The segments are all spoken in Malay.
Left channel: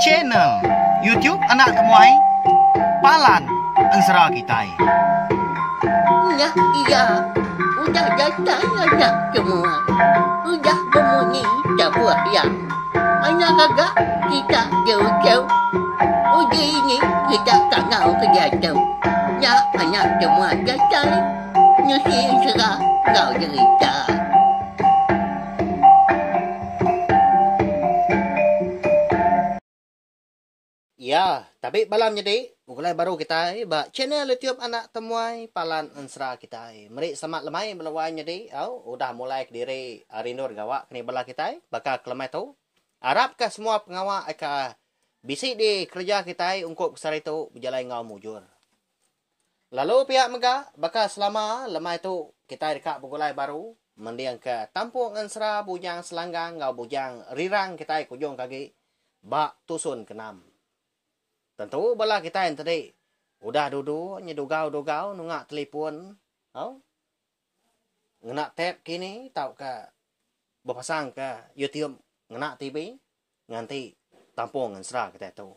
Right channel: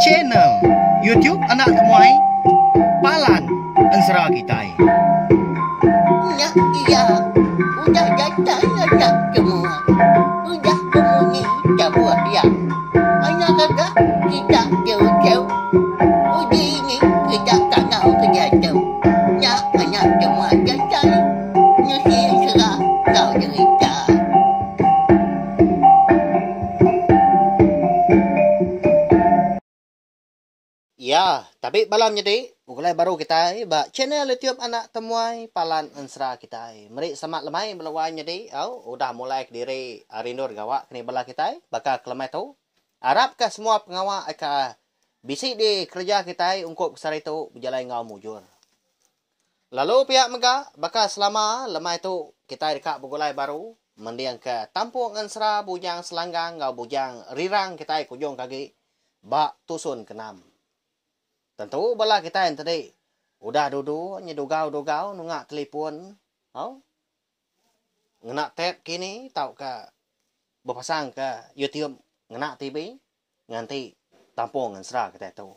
channel YouTube Anak Temuai Palan Ensera Kitai. Iya, udah datang anak semua. Udah berbunyi sebuah yang hanya kagak kita jauh-jauh. Uji ini kita tak tahu kejatuh. Ya, anak semua datang. Nyusi serah kau cerita. Ya, tapi malam jadi mulai baru kita ba channel YouTube Anak Temuai Palan Ensera kita. Mari semak lemai melawan jadi udah mulai diri Arinur gawak kini bala kita bakal kelemai tu. Harap ke semua pengawal akan bisik di kerja kita untuk besar itu berjalan ngau mujur. Lalu pihak mega bakal selama lemai tu kita dekat begulai baru mendiang ke Tampung Ensera bujang Selanggang ngau bujang Rirang kita kujung kaki bak tusun kenam. Tentu bala kita yang tadi udah duduk nyedugau-dugau nungak telefon, ngenak tab kini tau ke berpasang ke YouTube ngenak TV nganti Tampung Ensera kita tu.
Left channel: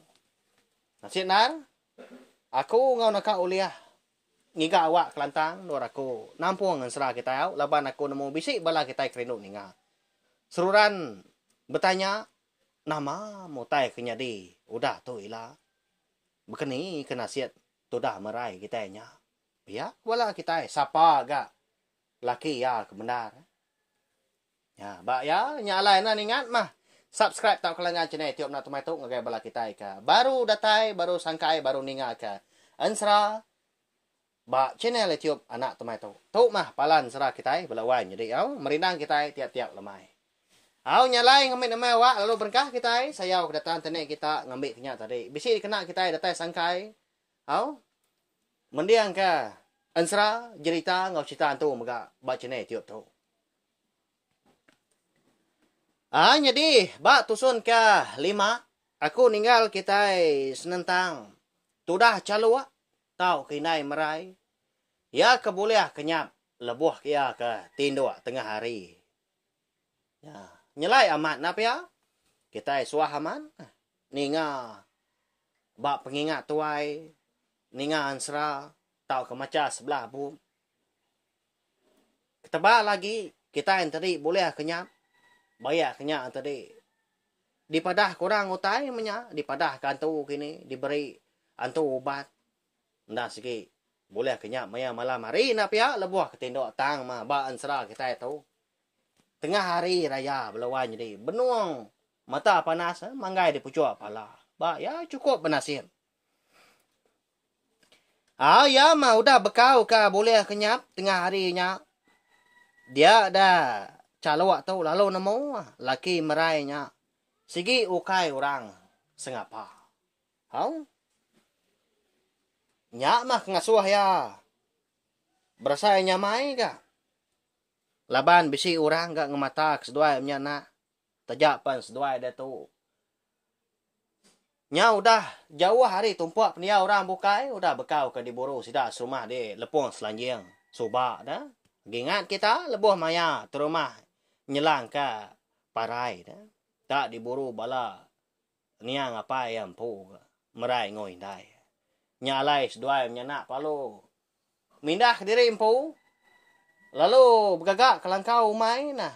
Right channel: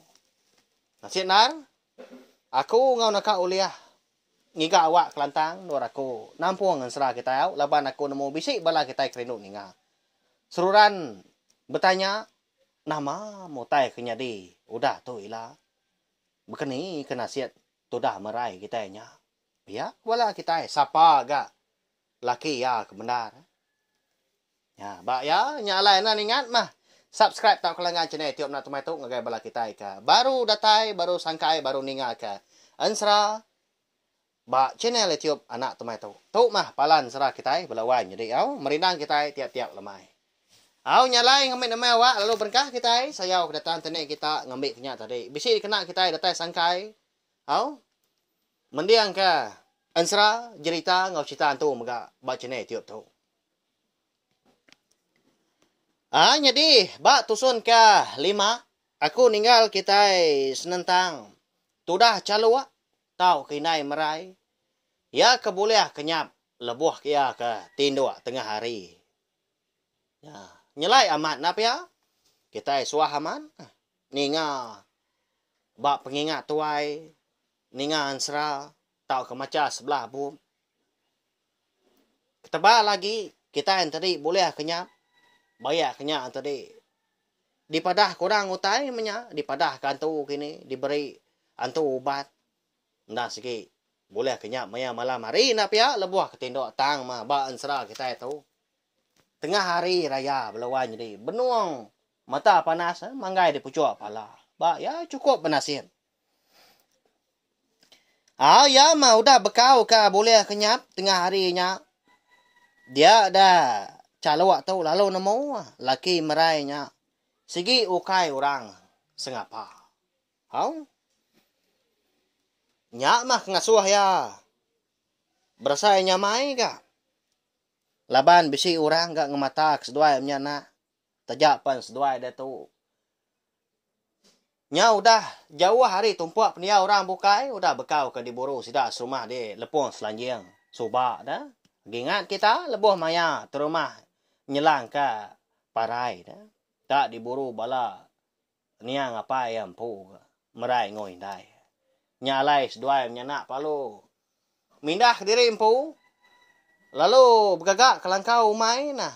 Nasib nar aku ngau nak uliah ngiga awak Kelantang nur aku Tampung Ensera kita laban aku nemu bisik bala kita kerinuk ninga. Seruran bertanya nama motai kenyadi udah tu ilah. Bekeni kena siat tudah merai kita nya. Ya, wala kita siapa agak laki ya kebenar. Ya, bak ya nyalai na ingat mah. Subscribe tak kelangan channel tiap nak tumai tu ngagai bala kita ka. Baru datai, baru sangkai, baru ninga ka. Ensera bak channel YouTube Anak Tumai tu. Tu mah palan serah kita belawan jadi merindang kita tiap-tiap lemai. Nyalai ngambil nama awak lalu berkah kita saya datang tenek kita ngambil kenyak tadi. Bisi kena kita datang sangkai. Mendiang ke Ensera cerita ngau cerita antu mega baca ne tiup tu. Jadi bak tusun ke 5 aku ninggal kita senentang tudah calua tau kinai merai. Ya keboleh kenyap lebuh kia ke tindua tengah hari. Ya. Nyelai amat napa ya? Kita suah aman. Ninga bak pengingat tuai. Ninga Ensera tau ke maca sebelah bu. Ketebal lagi kita yang tadi boleh kenyap. Bayar kenyap tadi. Dipadah kurang utai menya. Dipadah ke antu kini. Diberi antu ubat. Ndak sikit. Boleh kenyap maya malam hari napa ya? Lebuah ketindok tang mah bak Ensera kita itu. Tengah hari raya belawan jadi benuang mata panas manggai di pucuk pala. Ba ya cukup penasir. Ya mah udah bekau ka boleh kenyap tengah harinya. Dia dah calawak tu lalu nemu laki merainya. Sigi ukai orang sengapa. Nyak mah ngasuh ya. Berasa nyamai ka. Laban bisi orang gak ngematak seduai nya nak. Tajak pan seduai dia tu. Nya udah jauh hari tumpuak penia orang bukai. Udah bekau ke diburu sidak serumah dia lepung selanjang. Subak dah. Gingat kita lebuh maya terumah nyelang ke parai dah. Tak diburu bala. Niang apa yang pu. Merai ngoy dai. Nya alai seduai nya nak palu. Mindah diri empu. Lalu bergagak kelangkau umai nah.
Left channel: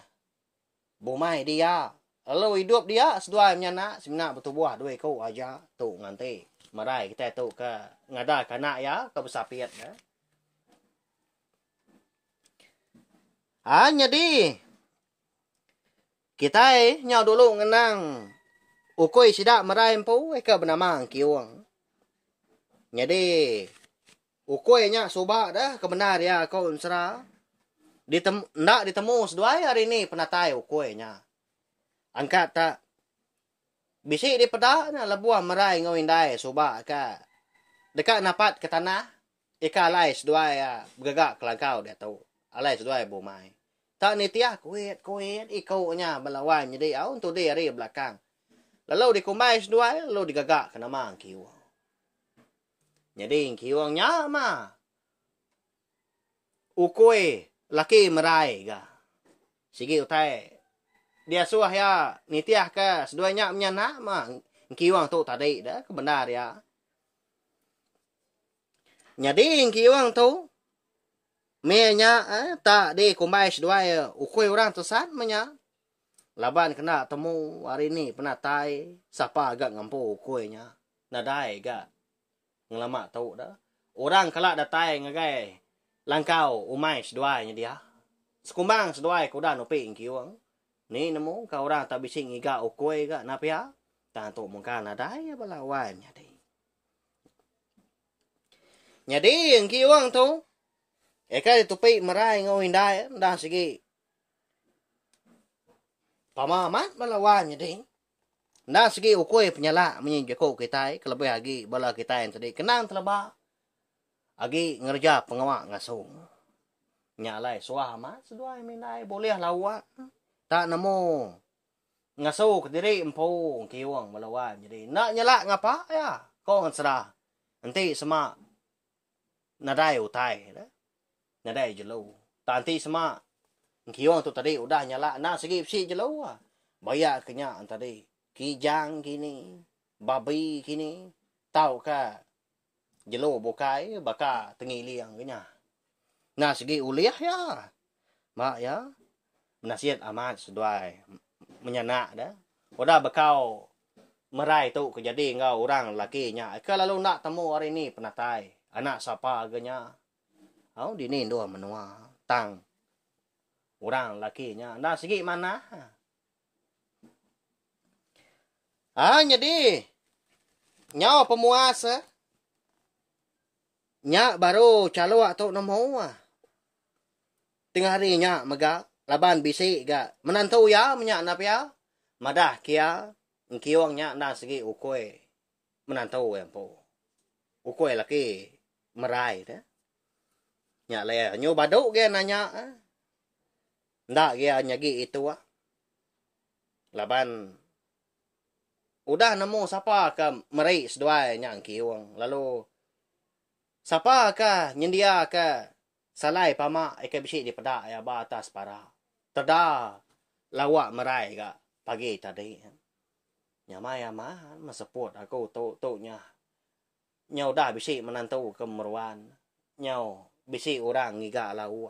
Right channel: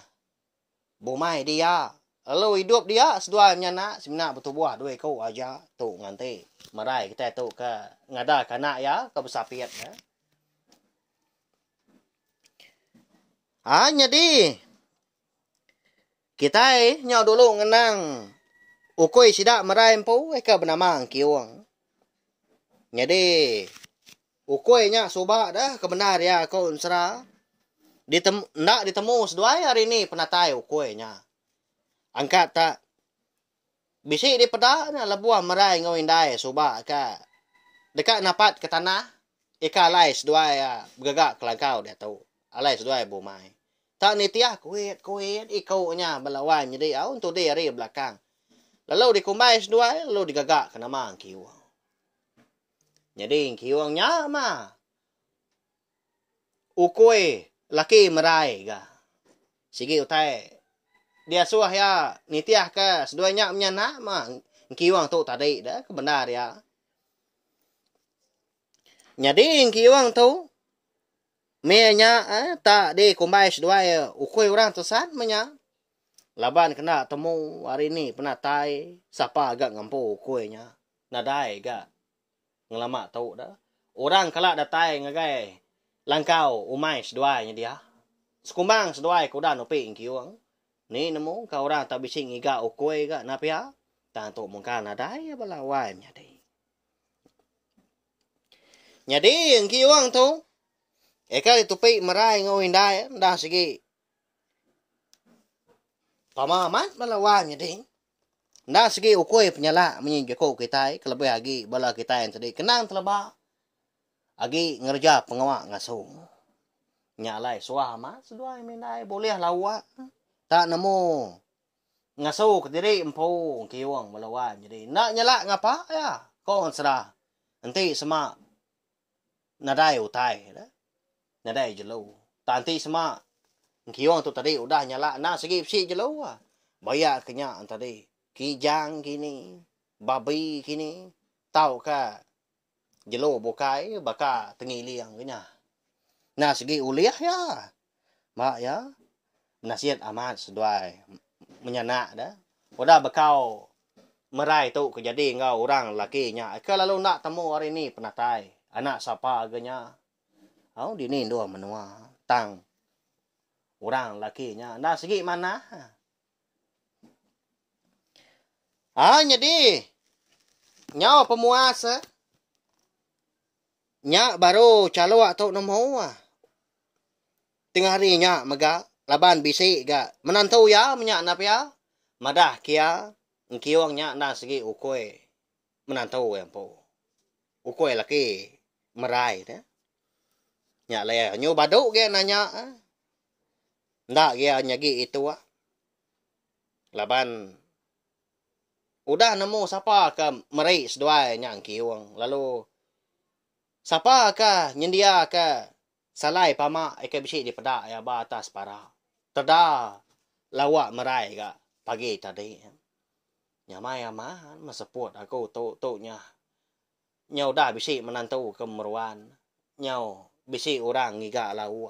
Bumai dia. Lalu hidup dia sedua nak sebenar bertubuh dua kau aja tu nganti marai kita tu ke ngada kanak ya ke besapiat ya. Jadi kita nyau dulu ngenang ukoi sidak marai empu ke bernama kiwang. Jadi ukoi nya subak dah kebenar ya kau Ensera. Nak ditemu seduai hari ni penatai ukuinya. Angkat tak. Bisi di pedak na lebuah merai ngawin dai subak ka. Dekat napat ke tanah. Ika alai seduai bergagak kelangkau dia tahu. Alai seduai bumai. Tak ni tiah kuit ikau nya belawan jadi untuk dia hari belakang. Lalu dikumbai seduai lalu digagak ke nama kiwang. Jadi kiwangnya mah ukoi laki merai ga. Sigi utai dia suah ya nitiah ke seduanya menyana mah kiwang tu tadi dah ke benar ya. Jadi kiwang tu menya tak di kumbai sedua ukoi orang tesan menya. Laban kena temu hari ni pernah tai siapa agak ngampu ukoinya. Nadai gak ngelama tahu dah. Orang kelak datai ngagai langkau umai seduanya dia. Sekumbang seduai kuda nopi kiwang. Ni nemu kau orang tak bising iga ukoi gak napia. Tak tu mungkin nadai balawai jadi. Jadi yang kiwang tu eka ditupi merai ngau hindai dah segi pamamat balawan jadi dah segi ukoi penyala menyinjak ko kita kelebih lagi bala kita yang tadi kenang telaba agi ngerja pengawak ngasuh nyalai suah mat sedua minai boleh lawak tak nemu ngasuh ke diri empu kiwang balawan jadi nak nyala ngapa ya kau serah nanti semak nadai utai dah nadai jelo tanti semak kiwang tu tadi udah nyala nak segi si jelo bayar kenyak tadi kijang kini babi kini tahu ka jelo bokai baka tengili yang kenya nah segi uliah ya mak ya nasihat amat seduai menyanak dah udah bekau merai tu kejadi ngau orang lakinya ke lalu nak temu hari ni penatai anak siapa agaknya au dini dua menua tang orang lakinya nah segi mana jadi nyawa pemuasa nya baru calo atau nemu tengah hari nya mega laban bisi ga menantu ya menyak nap ya madah kia kiwang nya nah segi ukoi menantu yang po ukoi laki merai dah nya le nyu baduk ge nanya ndak ge nyagi itu laban udah nemu siapa ke merai seduai nya kiwang lalu siapa ke nyendia ke salai pama eke bisi di pedak ya batas para tada lawak merai ga pagi tadi nyamai amahan maseput aku tu nya nyau dah bisi menantu kemeruan nyau bisi orang ngiga lau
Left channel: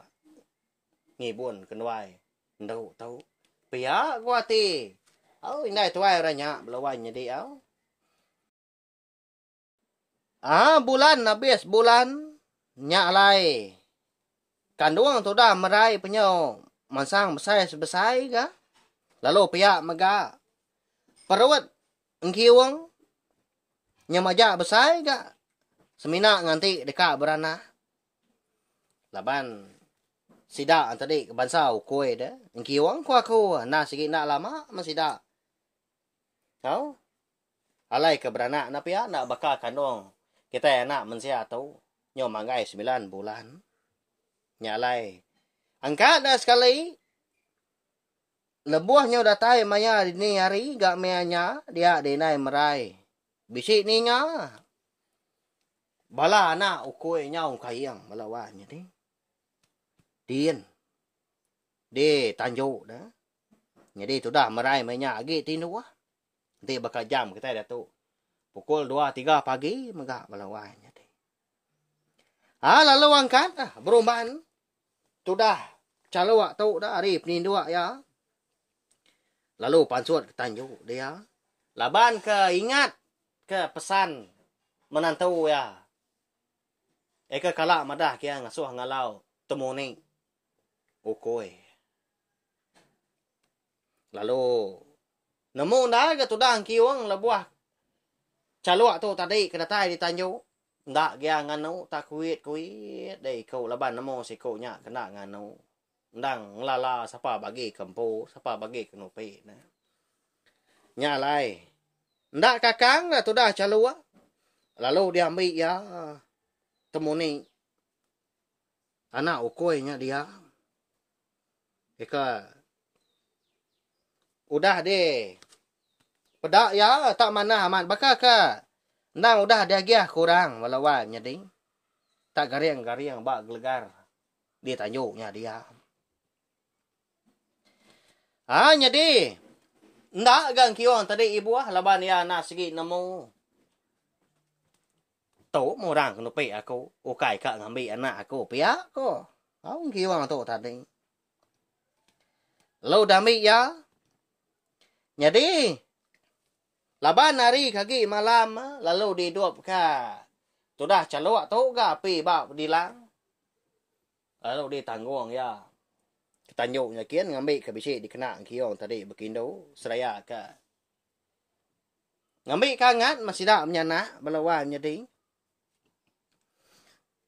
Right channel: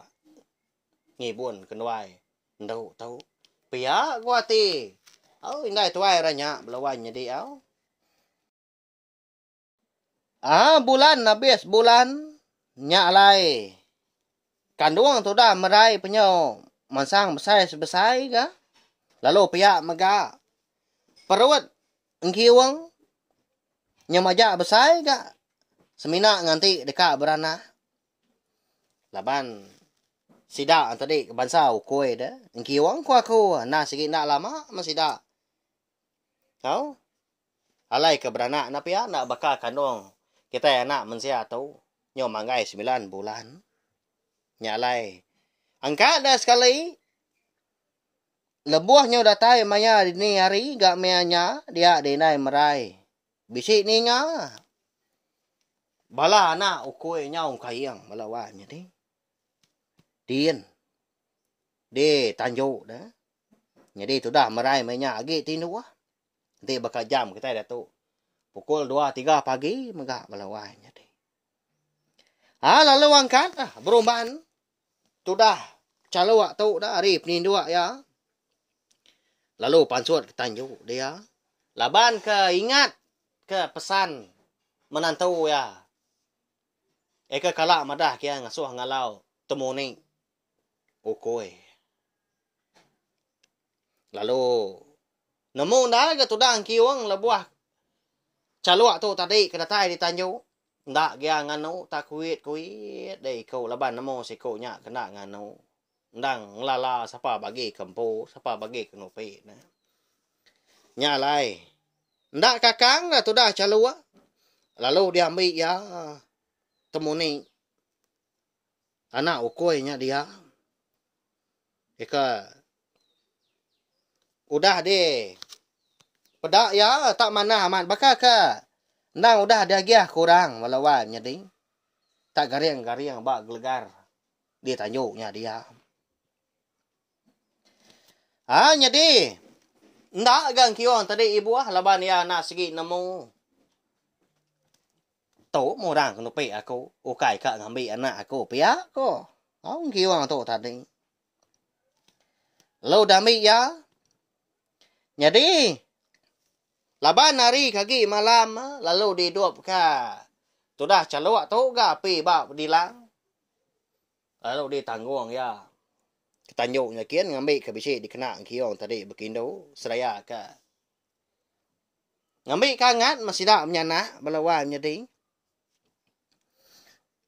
ngibun kenwai ndau tau pia gua ti au indai tuai ranya belawan jadi au bulan habis bulan nyak lai kandung tu dah merai penyau mansang besar sebesar ga lalu pia mega perut engkiwang nyamaja besar ga semina nganti dekat berana laban sida tadi bansau kue dah engkiwang ku aku nah segi nak lama masida kau alai ke beranak na pia nak bakal kandung kita anak mensia tu nyo mangai 9 bulan nyalai angka dah sekali lebuahnya udah tai maya ni hari gak meanya dia dinai merai bisi ni nya bala anak ukoi nyau kayang bala wan jadi Dien di Tanjung dah jadi tu dah merai maya agi tinu nanti bakal jam kita dah tu pukul 2-3 pagi megak bala wan jadi lalu angkat berumban tu dah calo waktu dah arif ni dua ya lalu pansut ke Tanjung dia laban ke ingat ke pesan menantu ya eka kalak madah kia ngasuh ngalau temuni ukoi lalu nemu dah ke tu dah kiwang lebuah calo waktu tadi kena tai di Tanjung ndak gia nganu tak kuit dei kau laban namo si kau nya kena nganu ndang nglala siapa bagi kempo siapa bagi kenupi nah nya lai ndak kakang dah tu dah calua lalu dia ambil ya temuni anak ukoi nya dia eka udah deh pedak ya tak mana amat bakal ka ndang udah dia giah kurang walawan jadi tak gariang bak gelegar di Tanjungnya dia Jadi ndak gang kion tadi ibu laban ya na sigi nemu. Tổ mô ràng nó bị aku, o kai ka ngambi anak aku pia ko. Au kion to tadi. Lo dami ya. Jadi laban hari kagi malam lalu didup ka. Sudah calok to ga pi ba dilang. Lalu ditanggung ya. Ketanyuknya kian ngambil ke bisi dikena kion tadi bekindo seraya ka. Ngambil kangat masih dak menyana balawan jadi.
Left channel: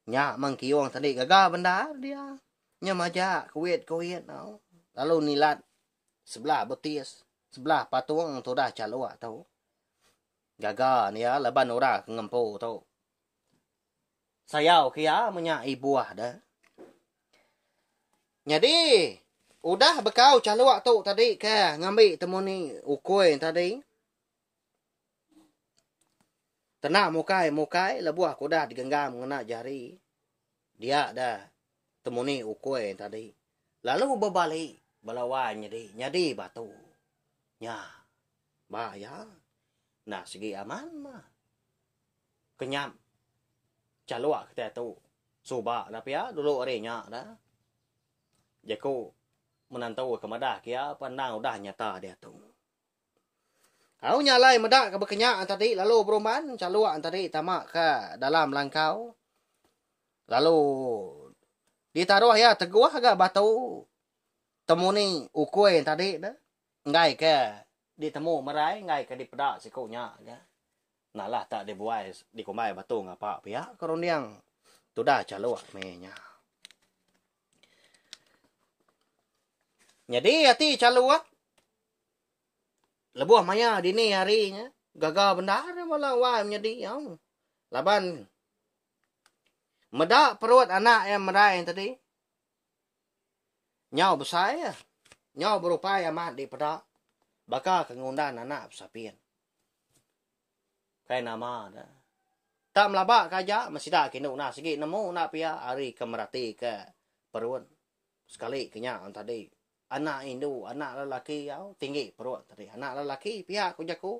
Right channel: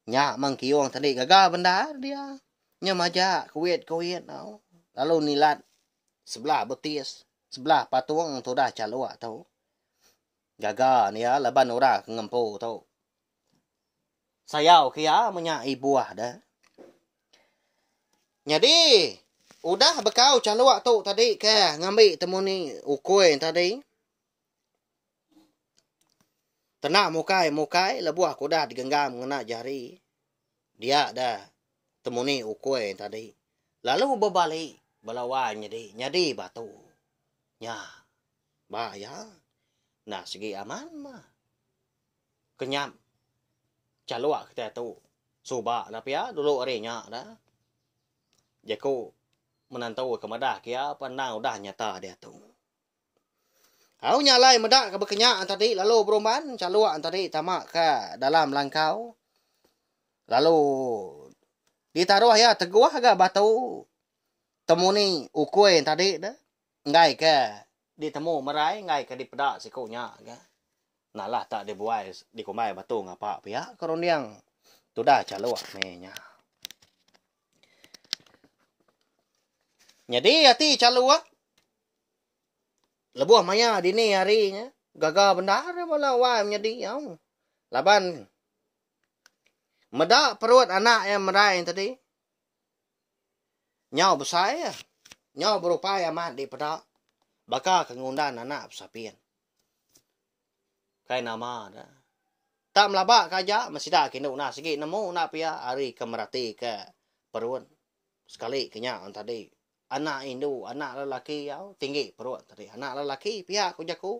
Nya mang kion tadi gaga benda dia. Nya maja kuit tau. Lalu nilat sebelah betis, sebelah patung tu dah calok tau. Gaga ni ya laban ora ngempo tau. Sayau kia menya ibuah dah. Jadi, udah bekau calok tu tadi ke ngambil temu ni ukoi tadi. Tenak mukai lebuah aku dah digenggam ngena jari. Dia dah temu ni ukoi tadi. Lalu berbalik belawan nyadi batu. Nya, bahaya. Nah, segi aman mah. Kenyam. Calok kita tu. Subak lah pia dulu arenya dah. Jaku menantau ke madah kia pandang udah nyata dia tu. Au nyalai madah ke berkenyak tadi lalu beruman caluak tadi tamak ke dalam langkau. Lalu ditaruh ya teguah agak batu. Temu ni ukoi tadi dah. Ngai ke ditemu merai ngai ke dipedak sikunya ya. Nah lah tak dibuai dikumai batu ngapa pihak koroniang tu dah caluak menya. Jadi hati caluk lebuh maya dini harinya gagal benda dia bola wai menjadi yang laban medak perut anak yang merai tadi nyau besar ya nyau berupaya amat di pedak bakal kengundan anak besapian kai nama dah tak melabak kaja masih dah kena nak segi nemu nak pia hari kemerati ke perut sekali kenyak tadi. Anak Indo, anak lelaki yau tinggi perut tadi. Anak lelaki pihak aku jaku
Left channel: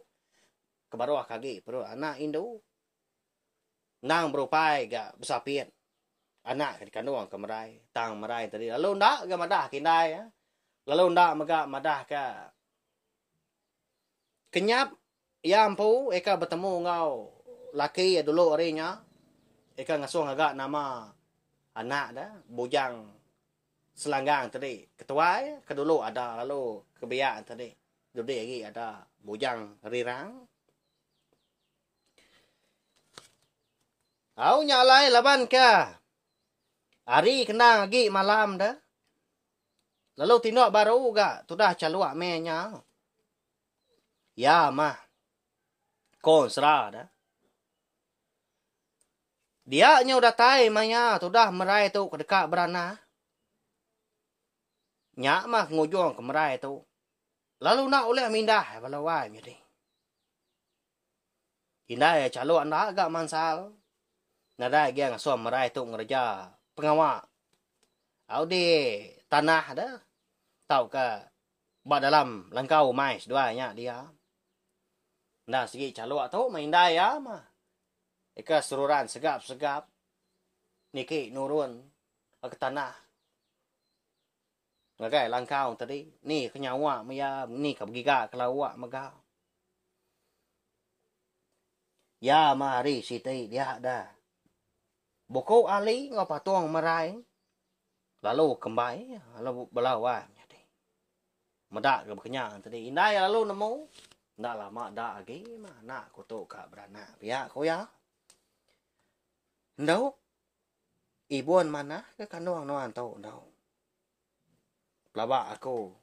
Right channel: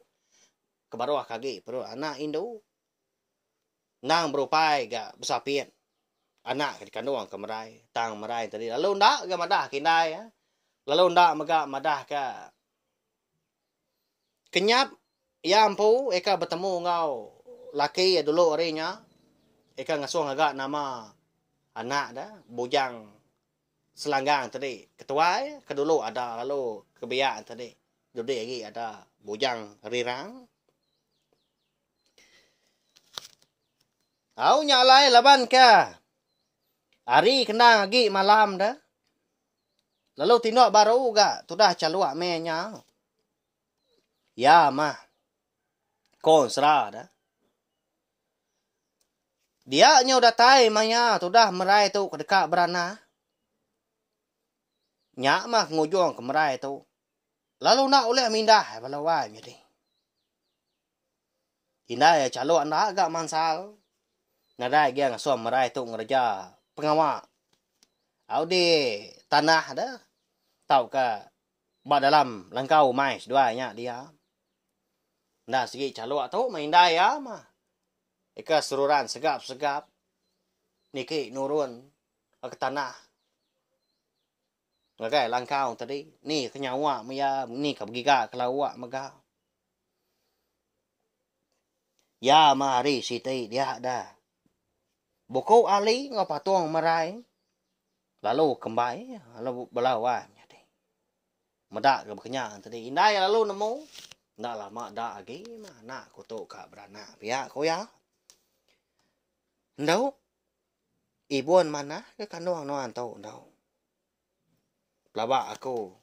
ke bawah kaki perut. Anak Indo nang berupai ga besapian. Anak kandung ke merai, tang merai tadi. Lalu ndak ga madah kindai ya. Lalu ndak megak madah ka kenyap ya ampu eka bertemu ngau laki dulu harinya. Eka ngasuh agak nama anak dah bujang selanggang tadi ketua kedulu ada lalu kebiasaan tadi dulu lagi ada bujang rirang au nyalai laban ke hari kena lagi malam dah lalu tinok baru ga tu dah caluak menya ya mah konsra dah dia nya udah tai manya tu dah merai tu dekat berana nyak mah ngujung ke merai tu. Lalu nak oleh mindah balawai jadi. Indai calok nak agak mansal. Nadai dia ngasuh merai tu ngerja pengawak. Au di tanah dah. Tahu ke ba dalam langkau mais duanya dia. Nah segi calok tu mindai ya mah. Eka seruran segap-segap. Niki nurun ke tanah. Ngagai langkau tadi. Ni kenyawa maya. Ni kabegiga kelawak maga. Ya mari siti dia dah. Buku ali ngapatuang marai. Lalu kembali. Lalu belawan. Medak ke berkenyak tadi. Indai lalu nemu. Ndak lama dak lagi. Nak kutuk kak beranak. Pihak ko ya. Ndau. Ibuan mana. Dia kandung nuan tau ndau. Pelabak aku.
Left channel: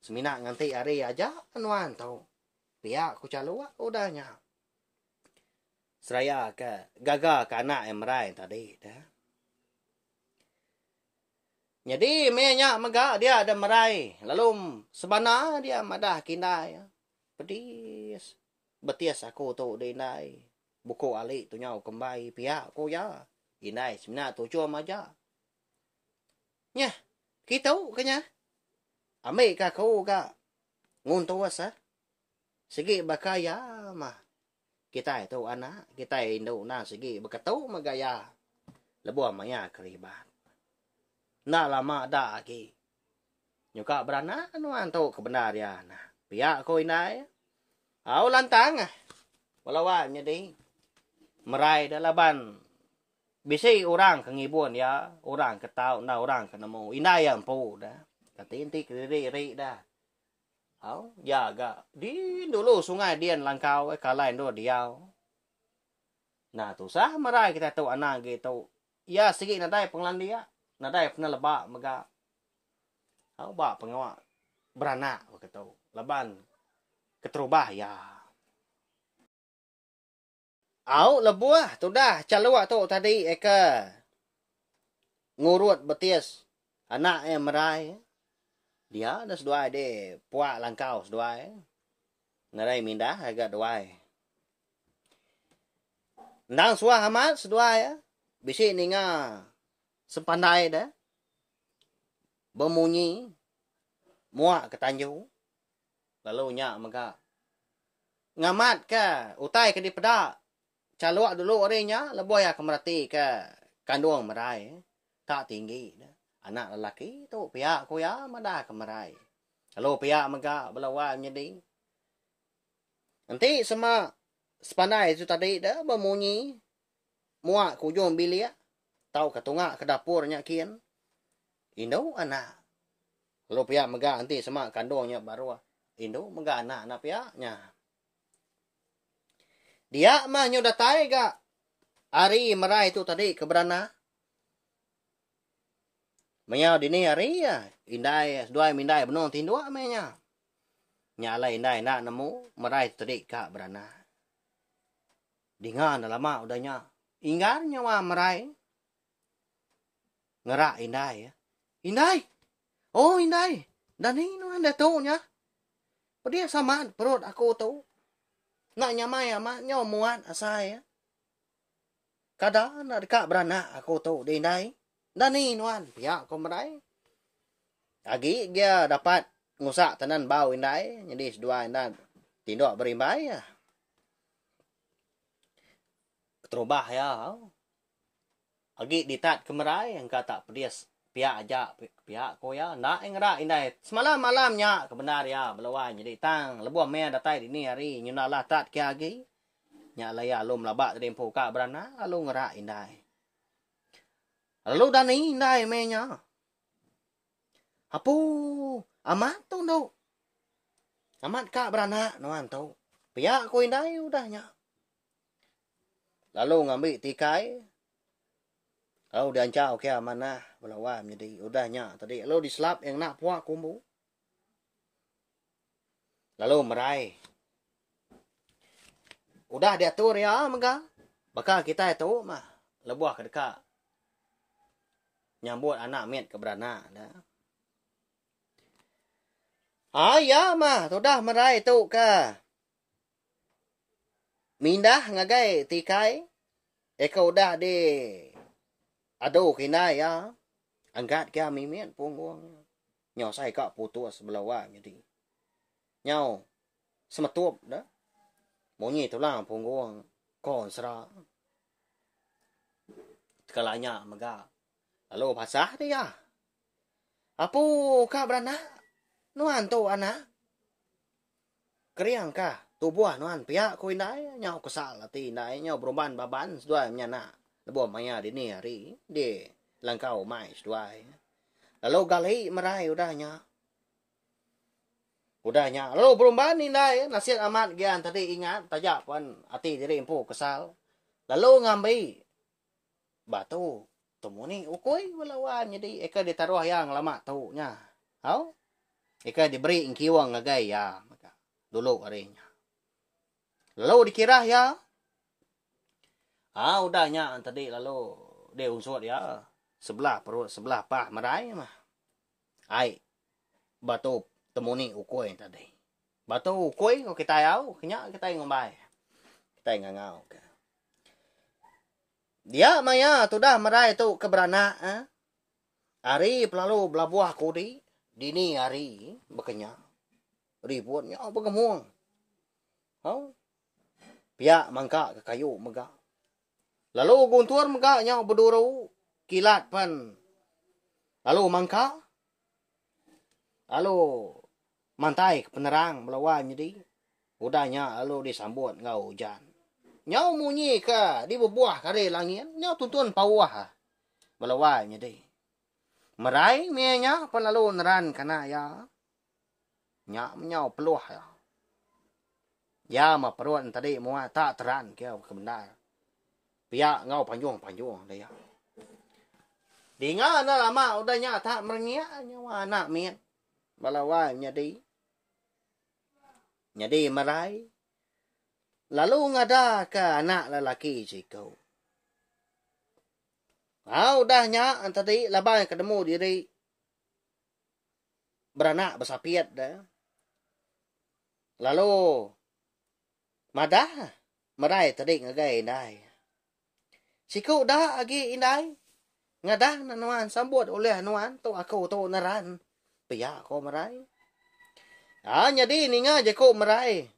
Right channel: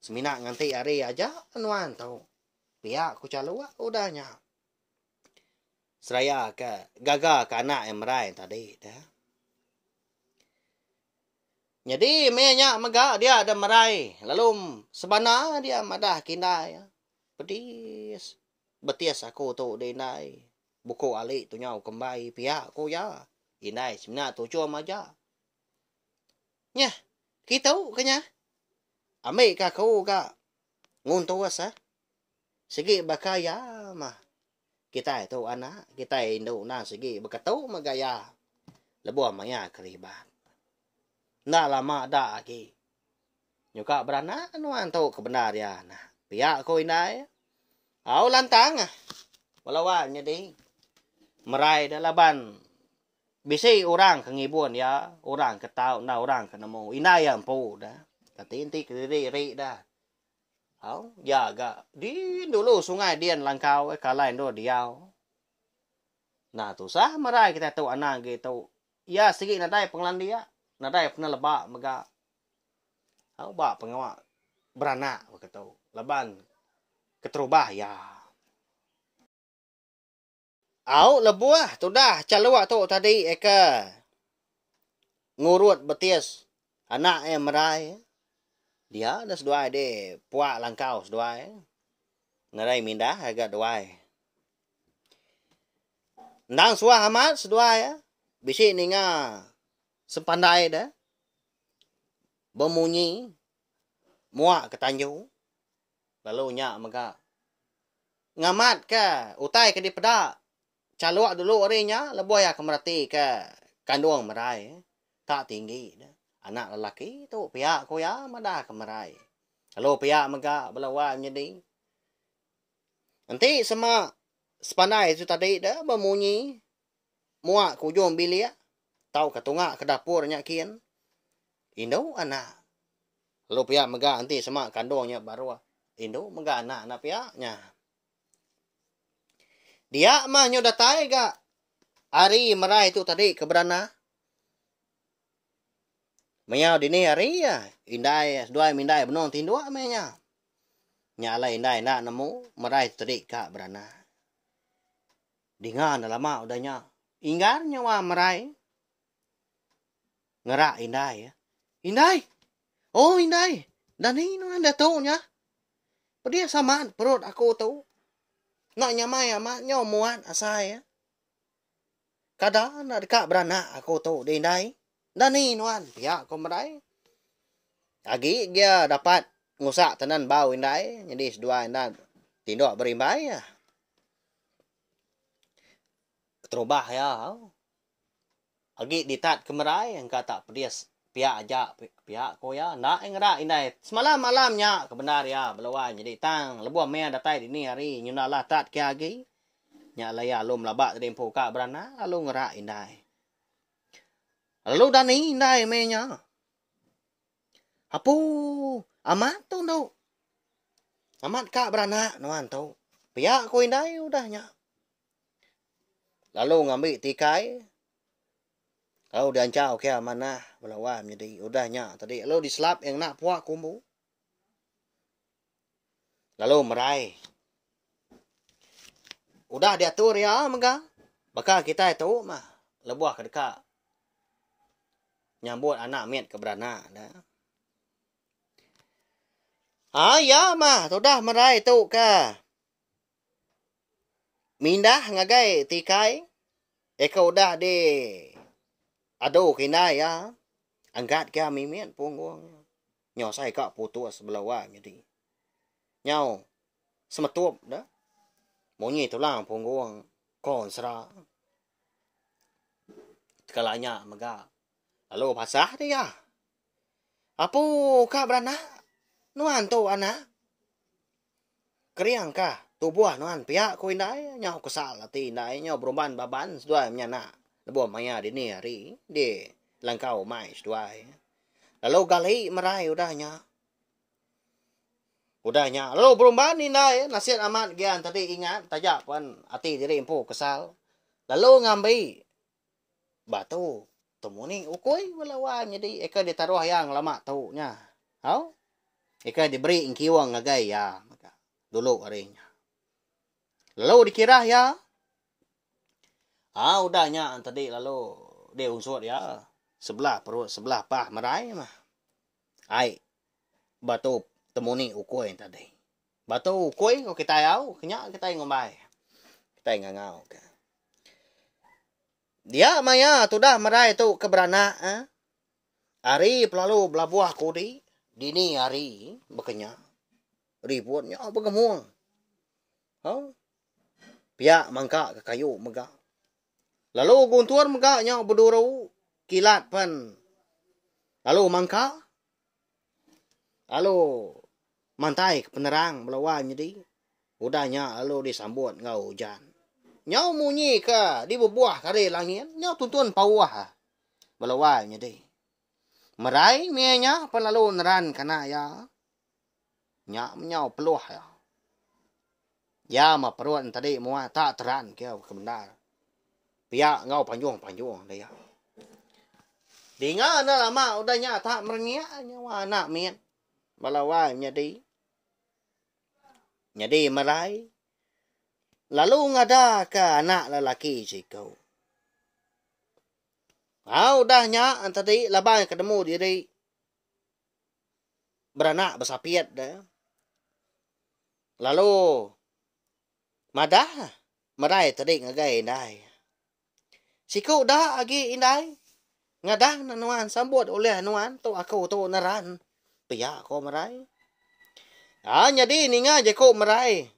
Seminak nganti hari aja. Anuan tahu. Pihak aku caluk. Udahnya. Seraya ke. Gagal ke anak yang merai tadi. Dah. Jadi. Menyak megak. Dia ada merai. Lalu. Sebenar dia madah kindai. Pedis. Betis aku tu. Dinai. Buku alik tu nyau kembali. Pihak aku ya. Indai. Seminak tu cuma aja. Nyah. Kita kenya. ambil ka kau ka nguntos sige bakaya mah kita itu anak kita Indo na sige bakatau magaya lebuh maya keribat na lama da ki nyuka berana nuan tu kebenar ya nah pihak kau inai au lantang walawan jadi merai dah laban bisi orang kengibun ya orang ketau na orang kenemu inai yang pu dah tapi inti kiri dah au ya ga di dulu sungai dian langkau kalai do diau nah tu sah merai kita tu anak gitu ya sigi nadai penglan dia nadai pernah lebak mega au ba pengawa beranak begitu laban keterubah ya au lebuah tu dah calua tu tadi eka ngurut betis anak yang merai dia ada seduai de puak langkau seduai narai mindah agak duai nang suah amat seduai bisi ninga sepandai dah bemunyi muak ke tanju lalu nya maka ngamat ka utai ke di pedak caluk dulu orangnya lebuh ya kemerati ke kandung merai tak tinggi dah anak lelaki tu pihak ko ya madah kemerai lalu pihak maka belawan jadi nanti sama sepandai itu tadi dah bemunyi muak kujung bilik tau ke tungak ke dapurnya kian Indo anak lalu pihak mega nanti sama kandungnya baru Indo mega anak pihaknya dia mah nyodatai ga hari merai itu tadi keberana Maya dini hari ya indai dua mindai benong tindua menya nyala indai nak nemu merai tadi kak berana dengan lama udahnya inggar nyawa merai ngerak indai ya indai oh indai dan ini anda tahu nya dia sama perut aku tahu nak nyamai ama nyaw muat asai ya kadang nak dekat berana aku tahu di indai dan ni nuan pihak ko merai agi dia dapat ngusak tenan bau indai jadi sedua indan tindok berimbai ya terubah ya agi ditat ke merai yang kata pedias pihak aja pihak ko ya nak ngera indai semalam malamnya kebenar ya belawan jadi tang lebuh me datai di ni hari nyunalah tat ke agi nya laya lum labak tempo ka berana lalu ngera indai lalu dan indai menya apu amat tu no amat kak beranak nuan tu pihak ko indai udahnya lalu ngambil tikai lalu diancau ke mana melawan jadi udahnya tadi lalu diselap yang nak puak kumbu lalu merai udah diatur ya mega bakal kita itu mah lebuah ke dekat nyambut anak miat ke beranak dah. Ya mah sudah merai tu ka. Mindah ngagai tikai. Eka udah di ado kina ya. Angkat ke mimian punggung. Nyaw sai ka putus belawa jadi. Nyaw semetup dah. Monyi tulang punggung konsra. Sekalanya mega. Lalu pasah dia. Apu ka beranak? Nuan tu anak. Keriang ka? Tubuh nuan pihak ko indai. Nyaw kesal hati indai. Nyaw beruban baban. Sedua menyana. Lebuh maya di ni hari. Di langkau mai sedua. Lalu gali merai udahnya. Udahnya. Lalu beruban indai. Nasihat amat gian tadi ingat. Tajak pun hati diri empu kesal. Lalu ngambil batu. Temuni ukoi walawan jadi eka ditaruh yang lama tau nya. Hau? Eka diberi ingkiwang ngagai ya maka dulu harinya. Lalu dikira ya. Udahnya tadi lalu dia unsur ya sebelah perut sebelah pah merai mah. Ai batu temuni ukoi tadi. Batu ukoi ko kita yau kenya kita ngombai. Kita ngangau ke. Dia maya tu dah merai tu ke beranak. Hari pelalu belabuah kudi. dini hari bekenya ribuannya begemuang. Pihak mangka ke kayu mega. Lalu guntuan mega nya berduru kilat pan. Lalu mangka. Lalu mantai ke penerang melawan jadi. Udahnya lalu disambut ngau hujan. Nyau munyi ke di bebuah kare langit. Nyau tuntun pawah. Melawan jadi. Merai mianya pan lalu neran kana ya. Nyau peluh ya. Ya ma peruan tadi mua tak teran kau kebenar. Pihak ngau panjung dia. Dinga na lama udahnya tak merengnya nyawa anak mian. Balawa nyadi. Nyadi merai. Lalu ngada ke anak lelaki si kau. Udahnya tadi labang ketemu diri. Beranak bersapiat dah. Lalu madah merai tadi ngagai indai. Siku dah agi indai. Ngadah na nuan sambut oleh nuan tu aku tu naran. Pia ko merai. Jadi ninga je ko merai.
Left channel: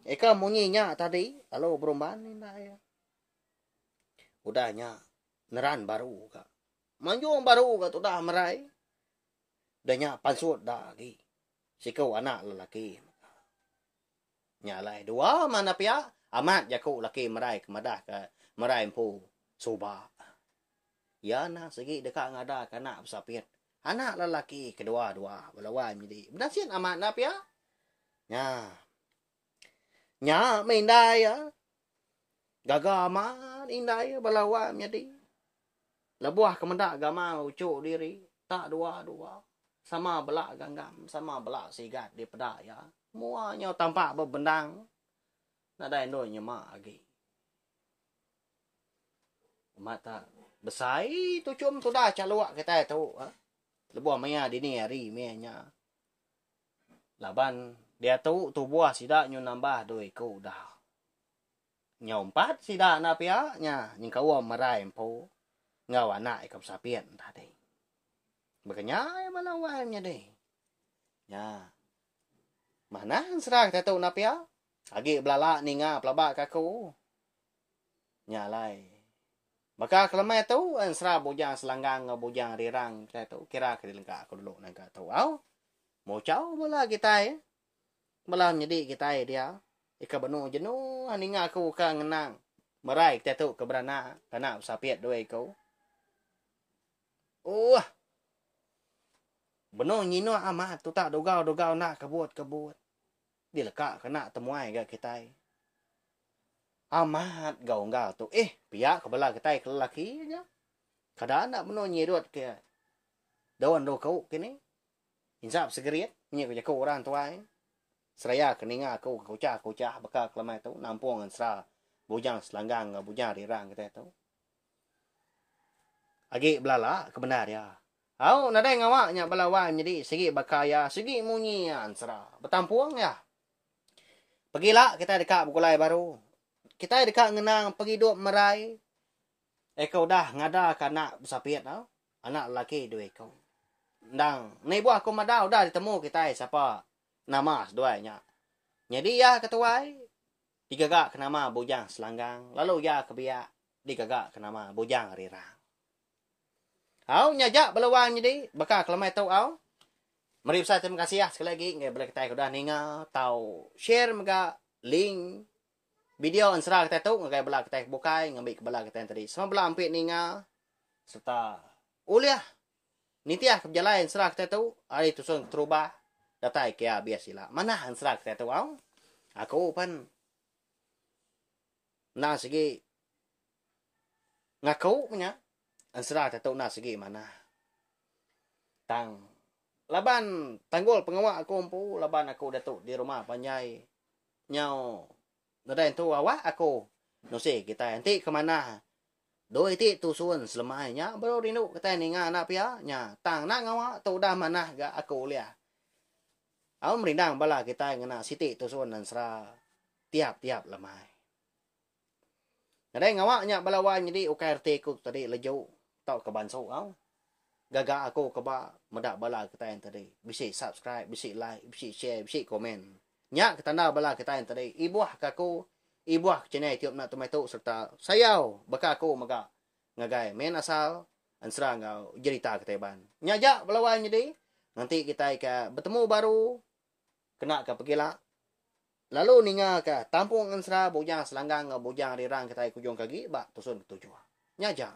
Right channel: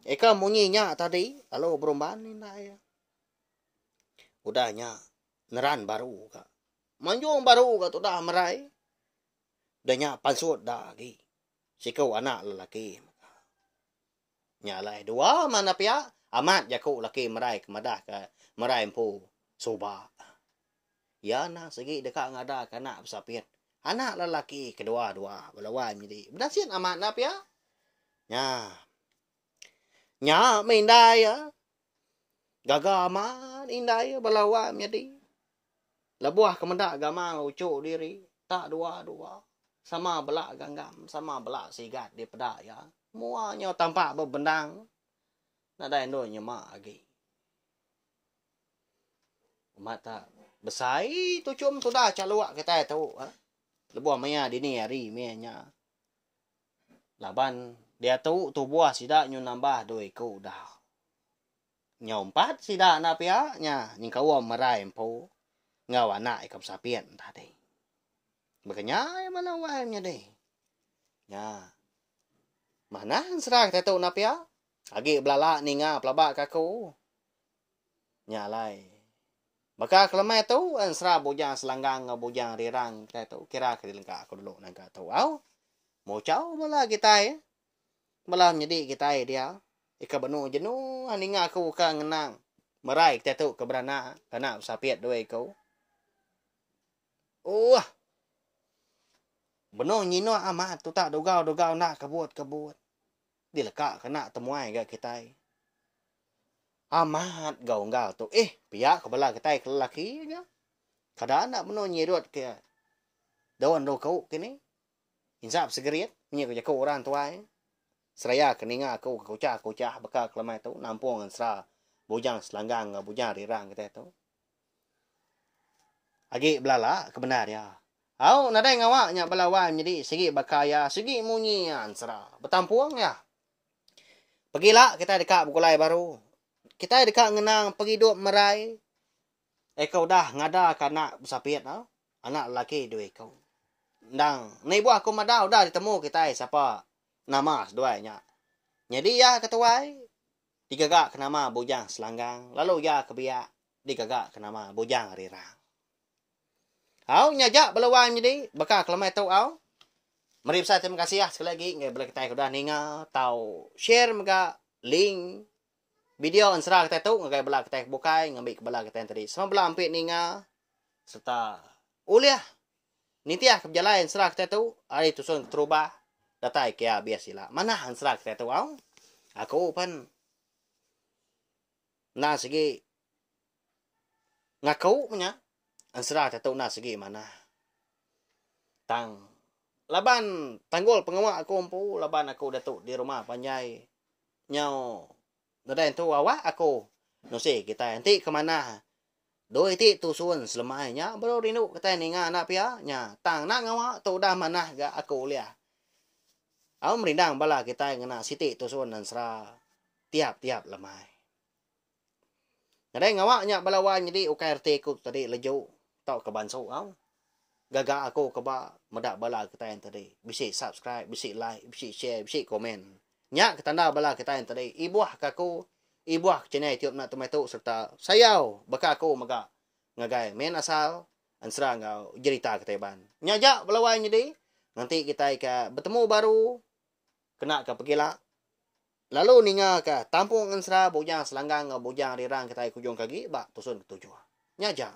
Eka munyinya tadi lalu berumban indai. Udahnya neran baru ka. Manjung baru ka tu dah merai. Udahnya pansut dah agi. Siku anak lelaki. Nyalai dua mana pia amat jaku laki merai kemadah ke merai empu soba. Ya na segi dekat ngada kana besapiat. Anak lelaki kedua-dua belawan jadi. Benasin amat na pia. Nya mindai ya. Gagaman indai belawan jadi. Lebuah kemendak agama ucuk diri tak dua-dua. Sama belak ganggam, sama belak sigat di pedak ya. Muanya tampak berbendang. Nadai no nyemak lagi. Mata besai tu cum tu dah caluak kita tu. Lebuah maya dini hari mianya. Laban dia tu buah sidak nyu nambah doi ku dah. Nyompat sidak na pia nya nyingkau merai empu. Ngau anak ikam sapien tadi. Makanya malawanya deh. Ya. Mana serang tahu napia? Agi belala ninga pelabak kaku. Nyalai. Maka kelemai tu ansra bujang selanggang bujang rirang tahu kira kelingka aku dulu nangka tahu. Mau cau malah kita ya. Malah jadi kita dia. Ika benu jenuh ninga aku ka ngenang. Merai tahu keberana kana sapiat doi kau. Benar nyino amat tu tak dogau nak kebut. Dia lekak kena temuai ke kita. Amat gau tu. Pihak kebala kita ke lelaki nya. Kadang nak benar nyirut ke. Dawan do kau kini. Insap segeriat nyi ko orang tuai. Seraya keninga aku kucah bekal kelemai tu nampung ansra bujang selanggang bujang rirang kita tu. Agi belala kebenar ya. Nadai ngawaknya belawan jadi segi bakaya, segi munyi ansra. Betampuang ya. Pergilah kita dekat bukulai baru. Kita dekat ngenang pergi duk merai. Kau dah ngada ke anak besapiat tau. Anak lelaki dua kau. Dang, ni buah aku madau dah ditemu kita siapa nama seduanya. Jadi ya ketuai digagak ke nama bujang selanggang. Lalu ya kebiak digagak ke nama bujang rirang. Nyajak belawan jadi bakal kelemai tau Mari saya terima kasih ya sekali lagi ngai boleh kita dah ninga tau share mega link video ansra kita tu ngai bela kita bukai ngambil ke bela kita tadi. Semua bela ampit ninga serta uliah nitiah keberjalan ansra kita tu hari tu sun terubah datai kia biasila. Mana ansra kita tu aku pan na segi ngaku punya ansra kita tu na segi mana tang laban tanggul pengawak aku empu laban aku datuk di rumah panjai nyau nadain tu awak aku nusi kita nanti kemana doi ti tusun selemahnya baru rindu kita ninga anak pia nya tang nak ngawak tu dah mana ga aku liah merindang bala kita ngena siti tusun dan sera tiap-tiap lemai nadain ngawaknya balawan jadi UKRT ku tadi leju tau ke banso Gaga ako kaba madak bala kita yang tadi. Bisi subscribe, bisi like, bisi share, bisi komen. Nya ketanda bala kita yang tadi. Ibuah kako, ibuah channel YouTube na tomato serta sayaw baka ako maga ngagay men asal ansra nga jerita kita ban. Nya ja balawan jadi. Nanti kita ka bertemu baru kena ka pagila. Lalu ninga ka tampung ansra bujang selanggang bujang rirang kita kujong kagi ba tusun tujuan. Nya ja.